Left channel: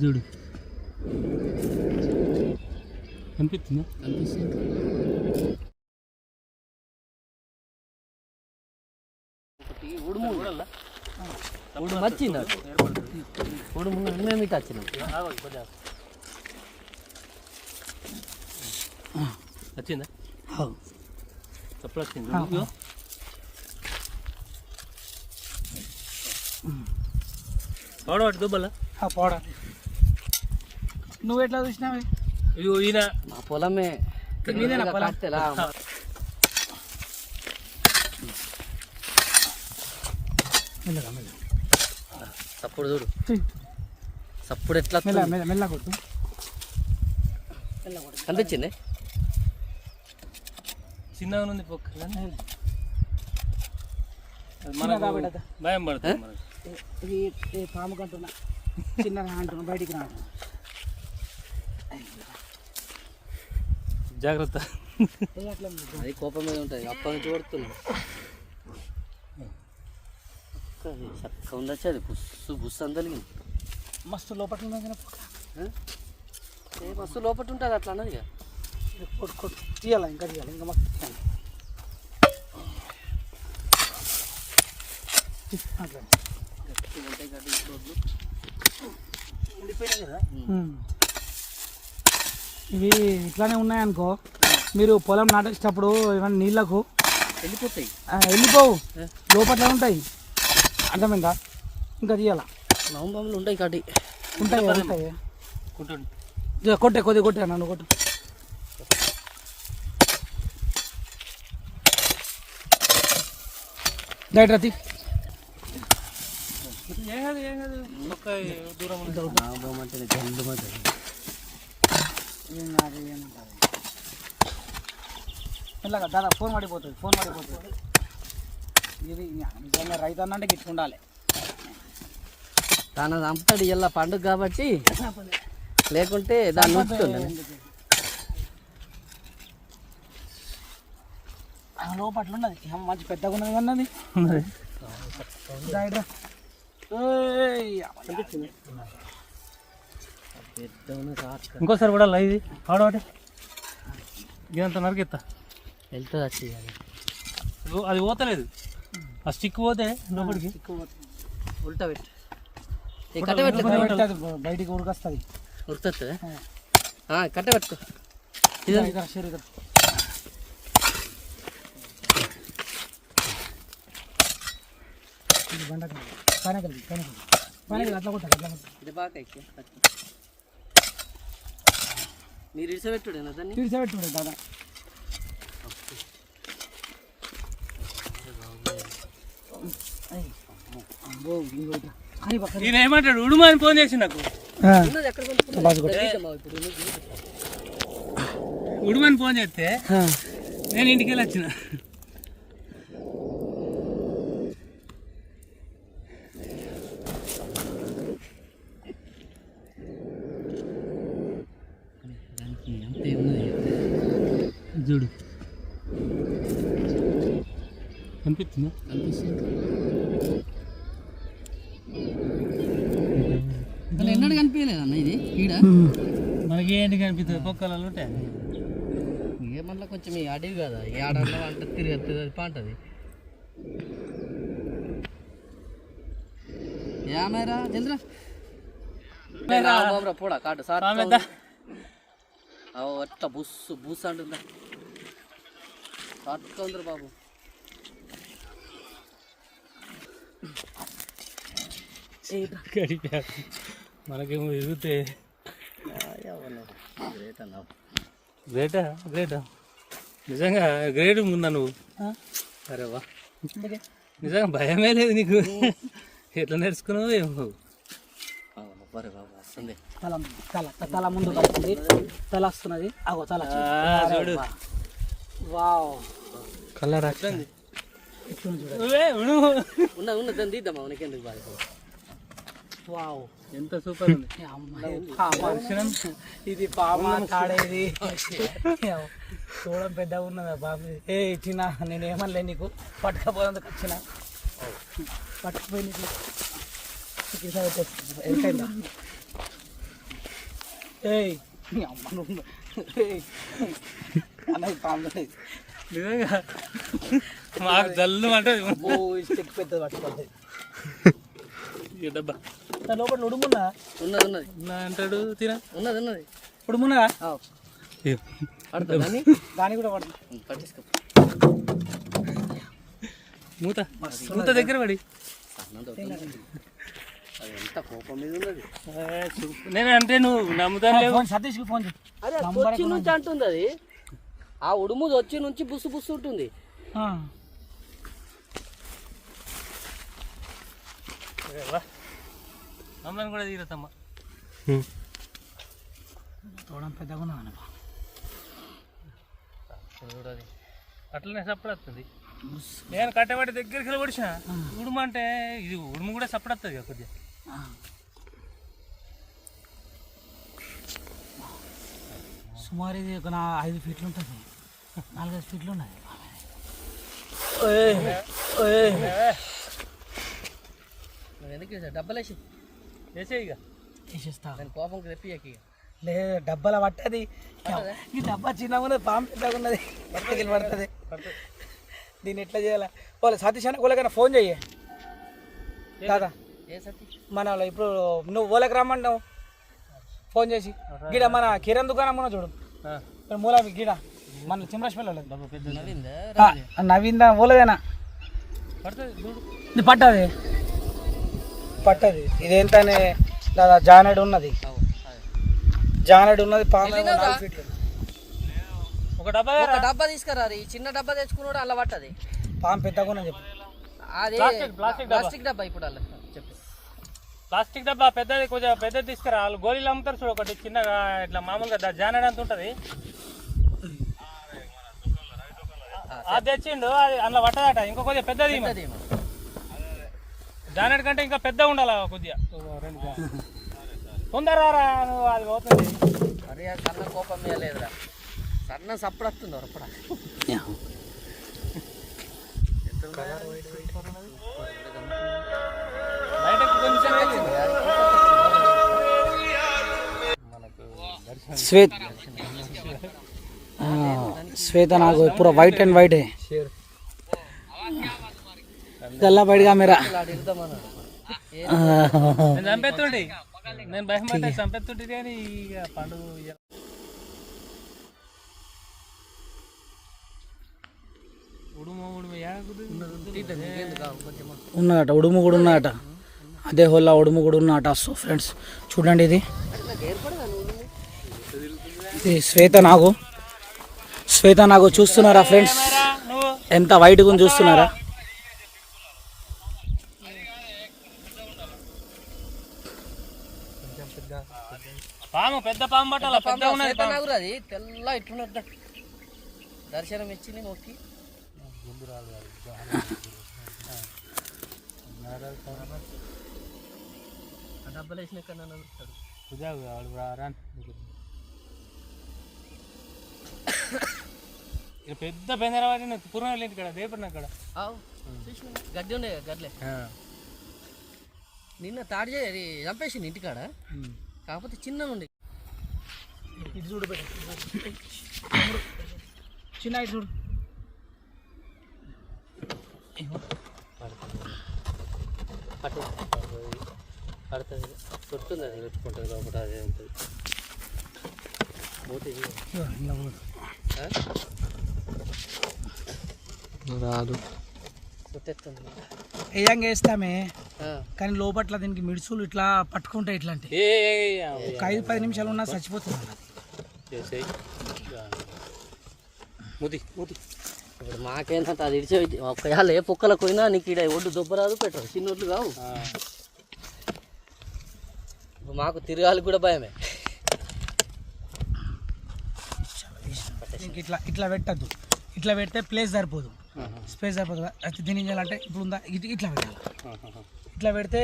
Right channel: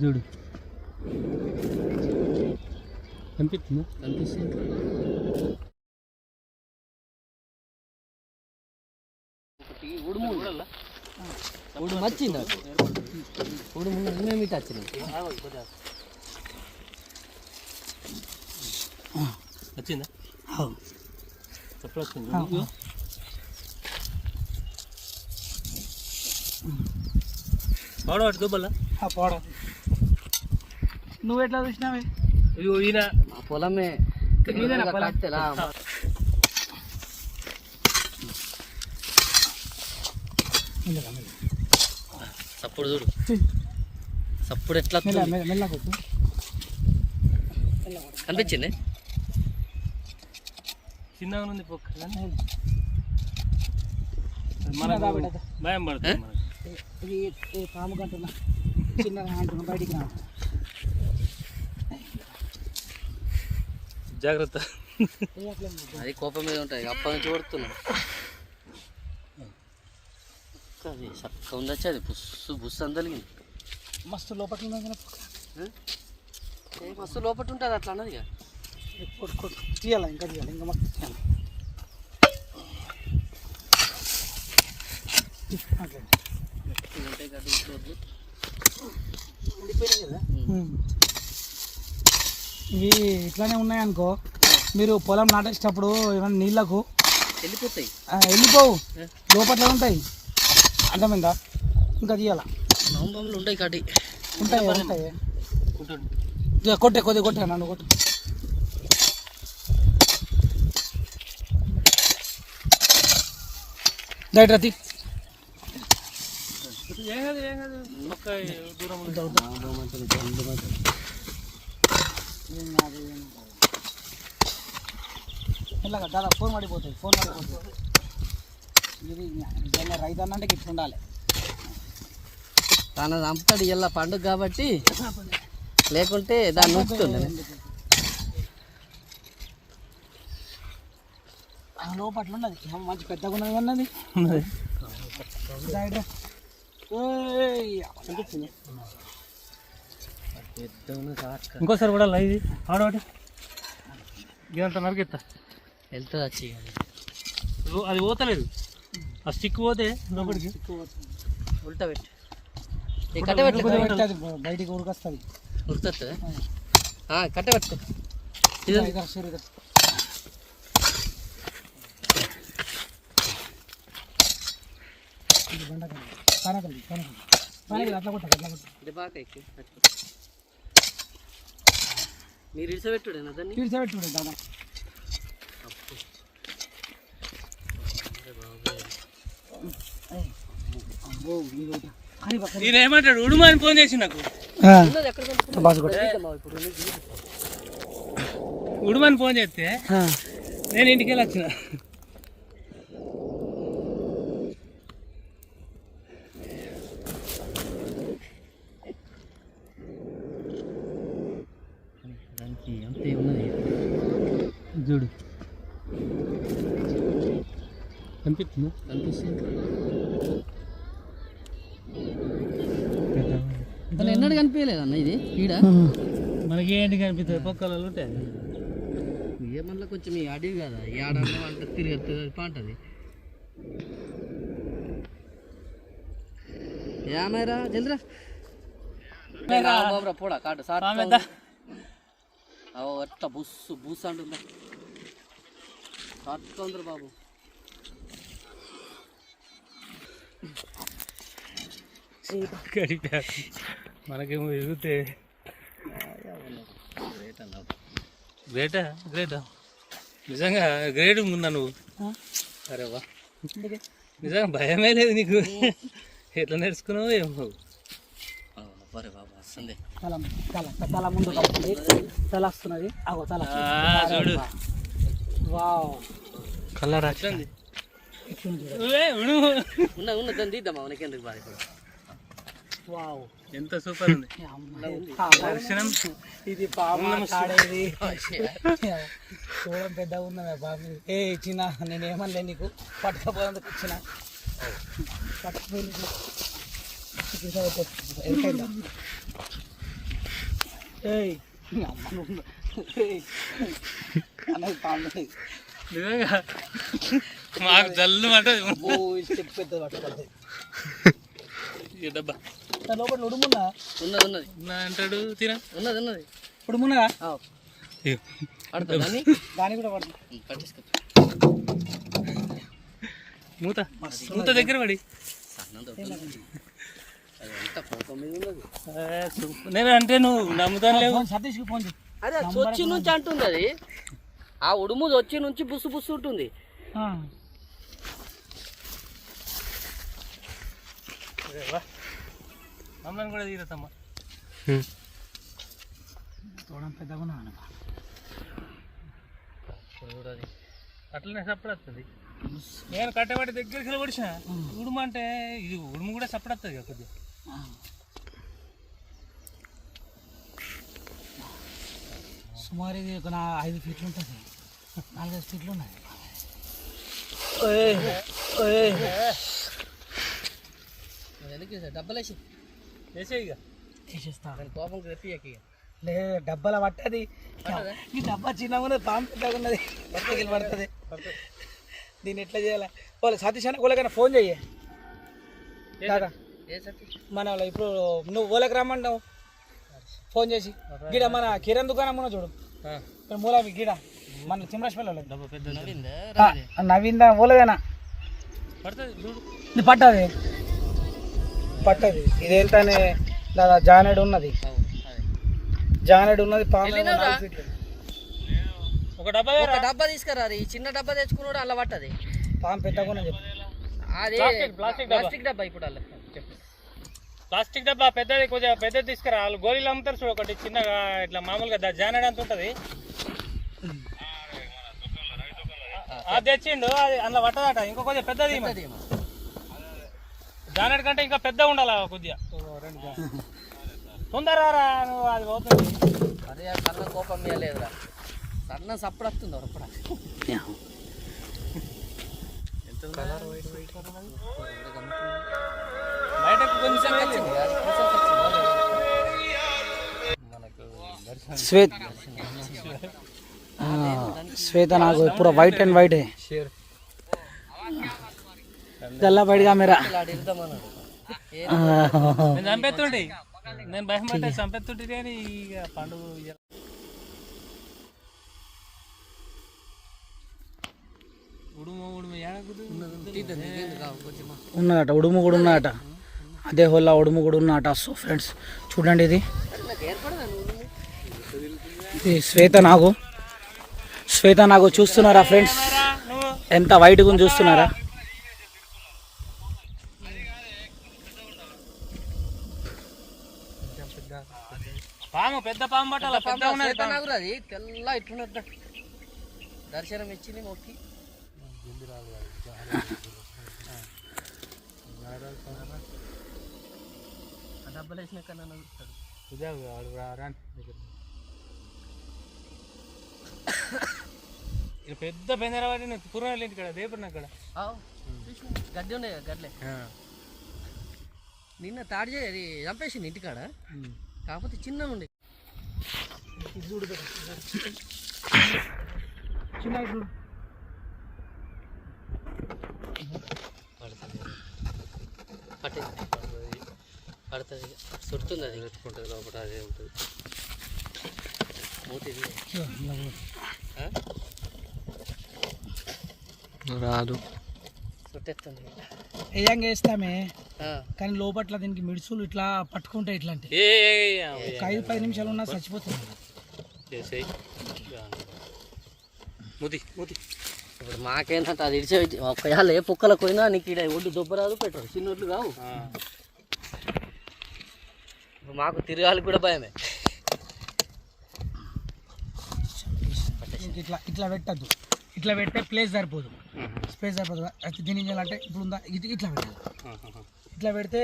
చూడు. కనిపిస్తుంది? కనిపిస్తుంది ఒకటి ఉడుము ఉడుము వచ్చింది. ఉడుము మేము ఇటు వచ్చినాం వచ్చింది? అటు దుబ్బలా? పోడా నువ్వు ఎట్లా చూసినావే? ఇగో ఈయన. మా పొలమే. మీదేనా పొలం? కట్టెలా? సప్పుడు చూడు. సప్పుడు ఎట్లా మెల్ల? మెల్ల మెల్ల కొట్టు. కనిపించింది? చిన్నగా ఉంది పొక్క చిన్న కాబట్టి అద. భయం పడుతుంది మనకు. ఇది ఏ పాము కంటున్నా చిన్నగా అంటున్నా బయటికి రా. జాగ్రత్త. అది కోపం మీద ఉంటాయి అప్పటి నుంచి కొడుతున్నాం. అది చక్కగా ఉండొచ్చు అది బుస్సు బుస్సు అందలిగింది. మస్తు లోపల. ఏ? బస్సు లోపల ఉంటుంది అట్లా అన్నది కొట్టు తీయాలా ఇంకా తీయాలి ఇంకా మస్తు తీయాలి. అట్లా. ఇవి ఇట్లానే ఉన్నాయనుకో మీరు పొలం నాటేసేటప్పుడు ఏమైనా నీళ్ళకు వెళ్ళిపోతాయి. ఆ, వెళ్ళిపోవు? లోపల ఉంటాయి. అర్థమైందా? ఇంకా తీయాలా? నవంబర్లు ఉంటాయి కాటి ఉంటాయి ఉంటాయి. కొట్టే కొద్దిగా కొట్టే నన్ను కొట్టు. రైట్ రతి ఏం కాదు ఏం కాదు ఒక్క దూరం ఉంది. నవంబర్ అంటే జల్లు మంటది ఏం కాదు ఏం కాదు మెల్లగా దాదా ఫోన్ పడిపోతుంది ఫోన్ పడిపోతుంది ఇది నిజంగా రైతు అన్నంటే గిట్ల ఉండాలి తన చంపుతాడు ఇలా పండుగ కాబట్టి లేకుంటే దాన్ని వస్తుంది లోపట్లున్నది మంచి పెద్దగా ఉన్నది అన్నది ఇంకోసారి కూడా ఇది. ఆడవాటి ఇదంతా నరికెత్తా. వెళ్తుంది వచ్చి అది. పోతలేదు. ఆ స్టిక్ పోతే లోపలికి. ఉల్టా పెట్టు. బయటికి ఉడకొస్తుంది ఉరుతుంది కట్ట పెట్టుకో. ఇది సరే బండకాయ. పానకల్లి, పానకల్లి. పానకల్లి అట్లా కొట్టాలి, అట్లా కొట్టాలి. ఇది బాగా ఎక్కి మీరు ఇడిసబెట్టుడేనా దాన్ని తీర్చబెట్టుకోండి దాదా అబ్బో, ఇది ఒకటి. కర్రీ పక్కన. ఈయన ఏమంటాడు ఉడుము అని ఫోన్ చేసి నాకు ఉన్నది ఎక్కడ కొనుక్కున్నావు? బాగా కొట్టు. తీద్దామా ఇప్పుడు ఉన్నది? ఉడుము అని ఫోన్ చేస్తే. నేను ఇంటికి వెళ్ళి వచ్చిన కనిపిస్తుంది ఎన్నడూ కనిపించలేదు అన్న ఇది? ఈడ? మనకి ఏంటి కనిపిస్తుంది? పొక్కలలో ఉంటాయి ఏమన్నా కొంచెం ఈ అడవి కదా ఈ ఆడన్నా అంటే తిరిగి తిరిగి పాంటది. ఏమైరా చంద్ర. బాబురా పోడా కాటు సార్ అట్లా బుస్సు బుస్ అంటుందా? సాత్కొందరు బాబు. కరిపాకు మనకేమో ఎదిగితే గ్రేట్? అన్న గ్రేటా? గ్రేటా నిజంగా గ్రేట్ ఉందా నువ్వు? అరే వా. నిజంగా భయమే లేదు నీకు. ఎట్లా నేర్చుకున్నావు వస్తుంది తల తల తల ముందు కలుపుతుంది తల వస్తున్నది. అగో తల ఆ, చూడు. వావ్. కలర్ చూడు. ఉన్న ఉన్న దాన్ని తీద్దామా? మనకెందుకు బాధ ఇప్పుడు? వావ్. ఎంత సూపర్ ఉంది. పాపం. ఇది పాప తాడేది చూడడం పెద్దగా ఉన్నదా బాబు? ఏ చిన్న నేను ఏమనలే నీకు. పట్టుకపోయేందుకు వచ్చిన. పట్టుకుపోయి ఏయ్. అన్నది పాము నిజంగా మాకు జల్లు అంటే పెద్దది పట్టుకుంటుంది ఈ డబ్బా. లోపల ఉడుమున్నా? ఉన్నది ఉన్నది. అంటాడు తిన? ఉన్నది ఉన్నది. ఉడుమున్నదా? పడుతుంది అని దాని కూడా పడుతుంది పట్టిస్తాం మూత. మూత దగ్గర పడి. నేను అంటే నువ్వు నమ్ముతాను సతీష్కి ఫోన్ అదే అది వచ్చి నుంచి అంటుంది అది. ఆ ఉడుము వచ్చి నుంచి బుస్సు బుస్సు ఉంటుంది. మమ్మల్ని కూడా తీరతమ్మ తోడం పెద్దగా ఉన్నా అన్న చూడది అట్లనే వస్తుంది నేను కట్టబడి దగ్గరికి పడిచిన ఉడుము అంటే ఇది ఉడుము కూడా సప్పుడు వస్తుంది కదా కొద్దిగా సుమారు ఇది ఒక నా ఐదు ఫీట్లు ఉంటుంది నాలుగైదు ఫీట్లు ఉన్నది ఎందుకు వేసావు? డబ్బలు వేసి. వేసే ఇక. తీసేస్తా దాని కోపం రెప్పి లేదు డబ్బాల పట్టది. ఈ డబ్బా చిన్నగా ఉన్నది పాము పెద్దగా ఉన్నది. ఎక్కడికి పడుతుంది దీన్ని ఎట్లా చేయాలి? వాళ్ళు సతీష్ అన్న వాళ్ళకైనా ఫోన్ చెయ్యి. దాదా. మన వాళ్ళు ఇప్పుడు నువ్వు ఓలకి రమ్మంటావు ఫోన్ చేసి. గిడ మన కిరణ్ దుకాణం ఉన్న చూడు. ఇక్కడ మూల గిడ. మన ఆ, నవీందా ఓలదేనా పడుతుంది పట్టది పట్టది. ఇదేంటనే దాదా జానెడ్ ఉన్నది. జానెడ్ ఉన్నది పాము ఒక డబ్బా ఒక డబ్బా తీసుకురా ఈ చిన్న డబ్బా తెచ్చుకున్నాడు అలా పట్టది. పాము పెద్దగా చెప్పు. అది ప్లాస్టిక్, ప్లాస్టిక్ డబ్బా. ప్లాస్టిక్ డబ్బా ఇప్పుడు అలా చెప్పు. ప్లాస్టిక్ డబ్బా పెద్దది కొంచెం పెద్దది తీసుకురా. వాళ్ళు గోళీలు అమ్ముతారు చూడు ఒకటి చిన్నగా ఇట్లా మామూలుగా దా- జానెడ్ అంత ఉంటుంది. అది తెచ్చిండు అది అందులో పట్టదట. ఇంకో కొద్దిగా పెద్దది ఇయ్యి మరి. అది జానెడ్ కంటే ఇంకా పెద్ద ఉండాలి కొద్దిగా. ఓ రెండు జానెడ్. తొందరగా రా నువ్వు అది పోతుంది. మరి ఆ కన్న కోపం లేదురా. సన్న సప్పుడు వస్తుంది కొంచెం శ్వేత శ్వేత నాకు పూरा వైట్ అండ్ వైట్ है గల్లా బయటగా మేరా. నేను చంపెత్తుండి నేను భయం పడితే చంపెత్తుంటే కానీ ఇక పండుగ ఇయ్య. ఉడుము ఉన్నదట కూడా ఉన్నదట అదే హోల్లా ఉడుము కూడా ఉన్నదట సో ఫ్రెండ్స్ చూడండి ఇది. ఇది శ్వేత నాగు. శ్వేత నాగు చూస్తున్నారా ఫ్రెండ్స్ ఎంత వైట్గా చూస్తున్నారా? పాము పెద్ద పాము పట్టాల? పెద్ద ఉన్నది తెల్ల ఇట్లున్నద్ద దర్శనం ఇచ్చి మొక్కి డబ్బులు వేసిన దగ్గర. ఇక్కడ పెద్ద బెందరవాడి పూర్వం వెళ్ళింది ఇక్కడ దేపడిన అక్కడ? గడ్డి ఉండే కదా, గడ్లే. నిన్న తాడి చంపేసింది ఇంటికాడ. కాకపోతే చిన్న ఉండే. ఇది చూడు చిన్న చూడు. పడుతుంది చుడుతుంది అది పెట్టుకుంటుంది కాబట్టి అదే ఉంటుంది రాదు. ఏయంగా వేస్తామే? కానీ లోపట్ల దీనికి మిడుసులు ఇట్లా పట్టుకుంటాయి ఇట్లాంటి. ఏ ఒక ఐదు పది నిమిషాలు ఉన్నా చచ్చిపోతుంది. ముది ముది. ఇప్పుడు మాకేంటంటే అది ఇడిచే ఒకవేళ ఏ కుక్కలకు పోయినా నీకు ఇక్కడ ఒడ్డు దొబ్బరాదు పెట్టరు. చిన్నోళ్ళు కావు. మాకు తిరగాలి కూడా భయమే. ఇంక ఇట్లా ఇట్లా పెట్టద్దు. ఇట్లా పెడితే ప్లేస్ సరిపోదు. స్పేస్ సరిపోదు. దీని చేయాలంటే ఇప్పుడు ఉందా ఇది ఇట్లా పెట్టాలి. ఇట్లా పెడితే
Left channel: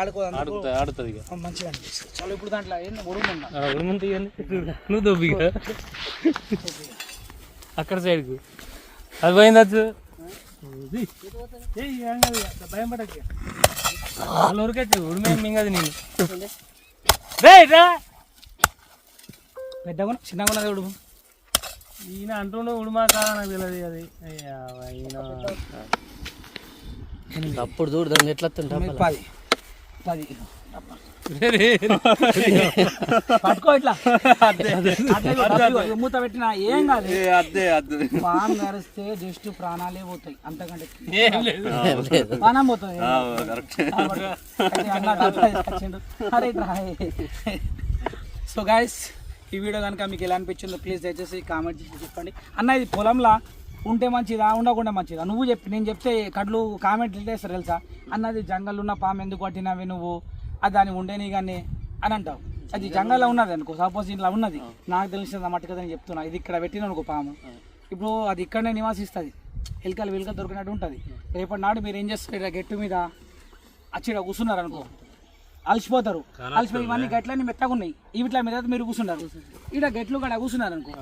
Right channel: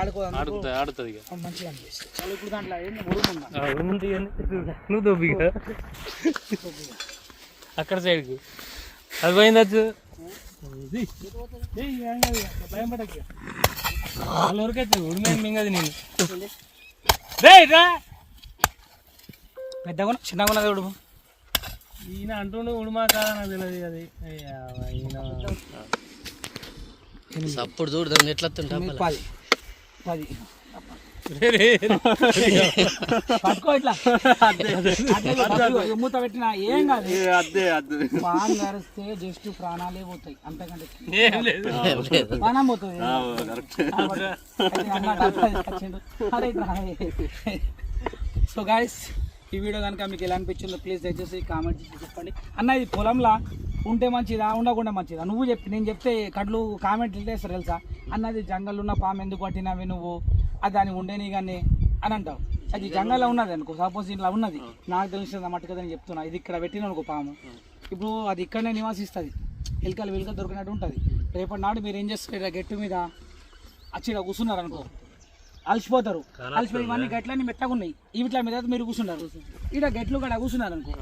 ఆడుకోదు ఆడుతుంది ఆడుతుంది ఇక. మంచిగా అనిపిస్తుంది. చాలా ఇప్పుడు దాంట్లో ఉడుము నువ్వు దొబ్బి అక్కడ సైడ్కు. అది పోయింది భయం పడక వాళ్ళ ఊరికైతే ఉడిమే మింగదు నేను. రేయ్ రా పెద్దగా చిన్నగా ఉన్నది చూడు. ఈయన అంటుండే ఉడిమా కాదా నాకు తెలియదు అది. అయ్యా, ఈయన. అప్పుడు చూడు దాన్ని ఎట్లా పది. పది. పట్టుకో ఇట్లా. మూత పెట్టిన ఏం కాదు. పాము కరిస్తే జస్ట్ ప్రాణాలే పోతాయి. అంతకంటే ఏం లేదు. పానం పోతుంది. అరే. సో గాయస్ ఈ వీడియో కనుక మీకు ఎలా అనిపించిందో ప్లీజ్ దయచేసి కామెంట్ చేసి చెప్పండి. అన్న ఇది పొలంలో? ఉంటే మంచిదా ఉండకుండా మంచిదా? నువ్వు చెప్పి నేను చెప్తే కడ్లు కామెంట్ చేస్తారు తెలుసా? అన్నది జంగల్ ఉన్న పాము ఎందుకు పట్టినవి నువ్వు? అది దాన్ని ఉండేని కానీ అని అంటావు. అది జంగల్లో ఉన్నది అనుకో సపోజ్ ఇట్లా ఉన్నది. నాకు తెలిసిన మట్టుగా నేను చెప్తున్నా ఇది ఇక్కడ పెట్టిన అనుకో పాము. ఇప్పుడు అది ఇక్కడనే నివాసిస్తుంది. ఎలుకలు వెలుకలు దొరికినట్టు ఉంటుంది. రేపటి నాడు మీరు ఏం చేస్తారు? ఇక్కడ గట్టు మీద ఇక్కడ కూర్చున్నారు అనుకో. అలసిపోతారు. అలసిపోయి ఇవన్నీ గట్లన్నీ మెత్తగా ఉన్నాయి ఈ ఇట్లా మీద మీరు కూర్చున్నారు ఇక్కడ గట్లు కూడా కూర్చున్నారు అనుకో.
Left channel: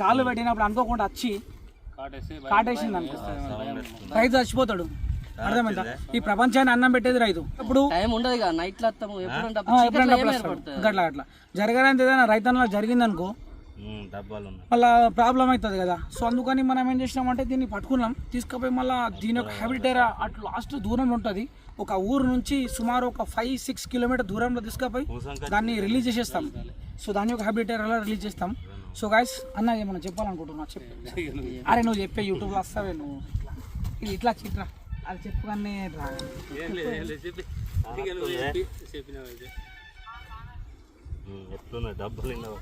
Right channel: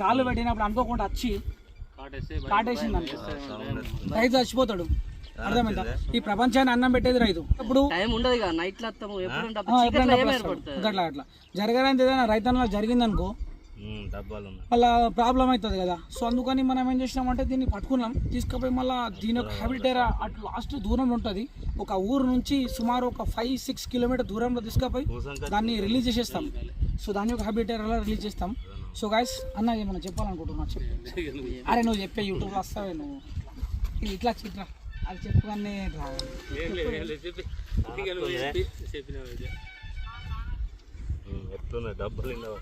కాళ్ళు పెట్టినప్పుడు అనుకోకుండా వచ్చి కాటేసింది అనుకో. రైతు చచ్చిపోతాడు. అర్థమైందా? ఈ ప్రపంచాన్ని అన్నం పెట్టేది రైతు. ఇప్పుడు గట్లా అట్లా జరగడానికి ఏదైనా రైతన్లో జరిగిందనుకో మళ్ళా ప్రాబ్లం అవుతుంది కదా. సో అందుకని మనం ఏం చేసినామంటే దీన్ని పట్టుకున్నాం. తీసుకుపోయి మళ్ళీ దీని యొక్క హ్యాబిటేరా అటు లాస్ట్ దూరంలో ఉంటుంది. ఒక ఊరు నుంచి సుమారు ఒక ఫైవ్ సిక్స్ కిలోమీటర్ దూరంలో తీసుకుపోయి దాన్ని రిలీజ్ చేసేస్తాం. సో దాని యొక్క హ్యాబిటేరాలో రిలీజ్ చేస్తాం? సో గాయస్ అన్న ఏమన్నా చెప్పాలనుకుంటున్నా చెప్పు. అరే నువ్వు చెప్పే యూట్యూబ్లో వస్తావే నువ్వు. ఇది ఇట్లా ఇట్లా అది చెప్పు కానీ ఇట్లా ఏం లేదు, ఏం లేదు. చెప్పి ఇక నువ్వు చెప్పి చెప్పినావు ఇది. ఎట్లున్నాయి? డబ్బులు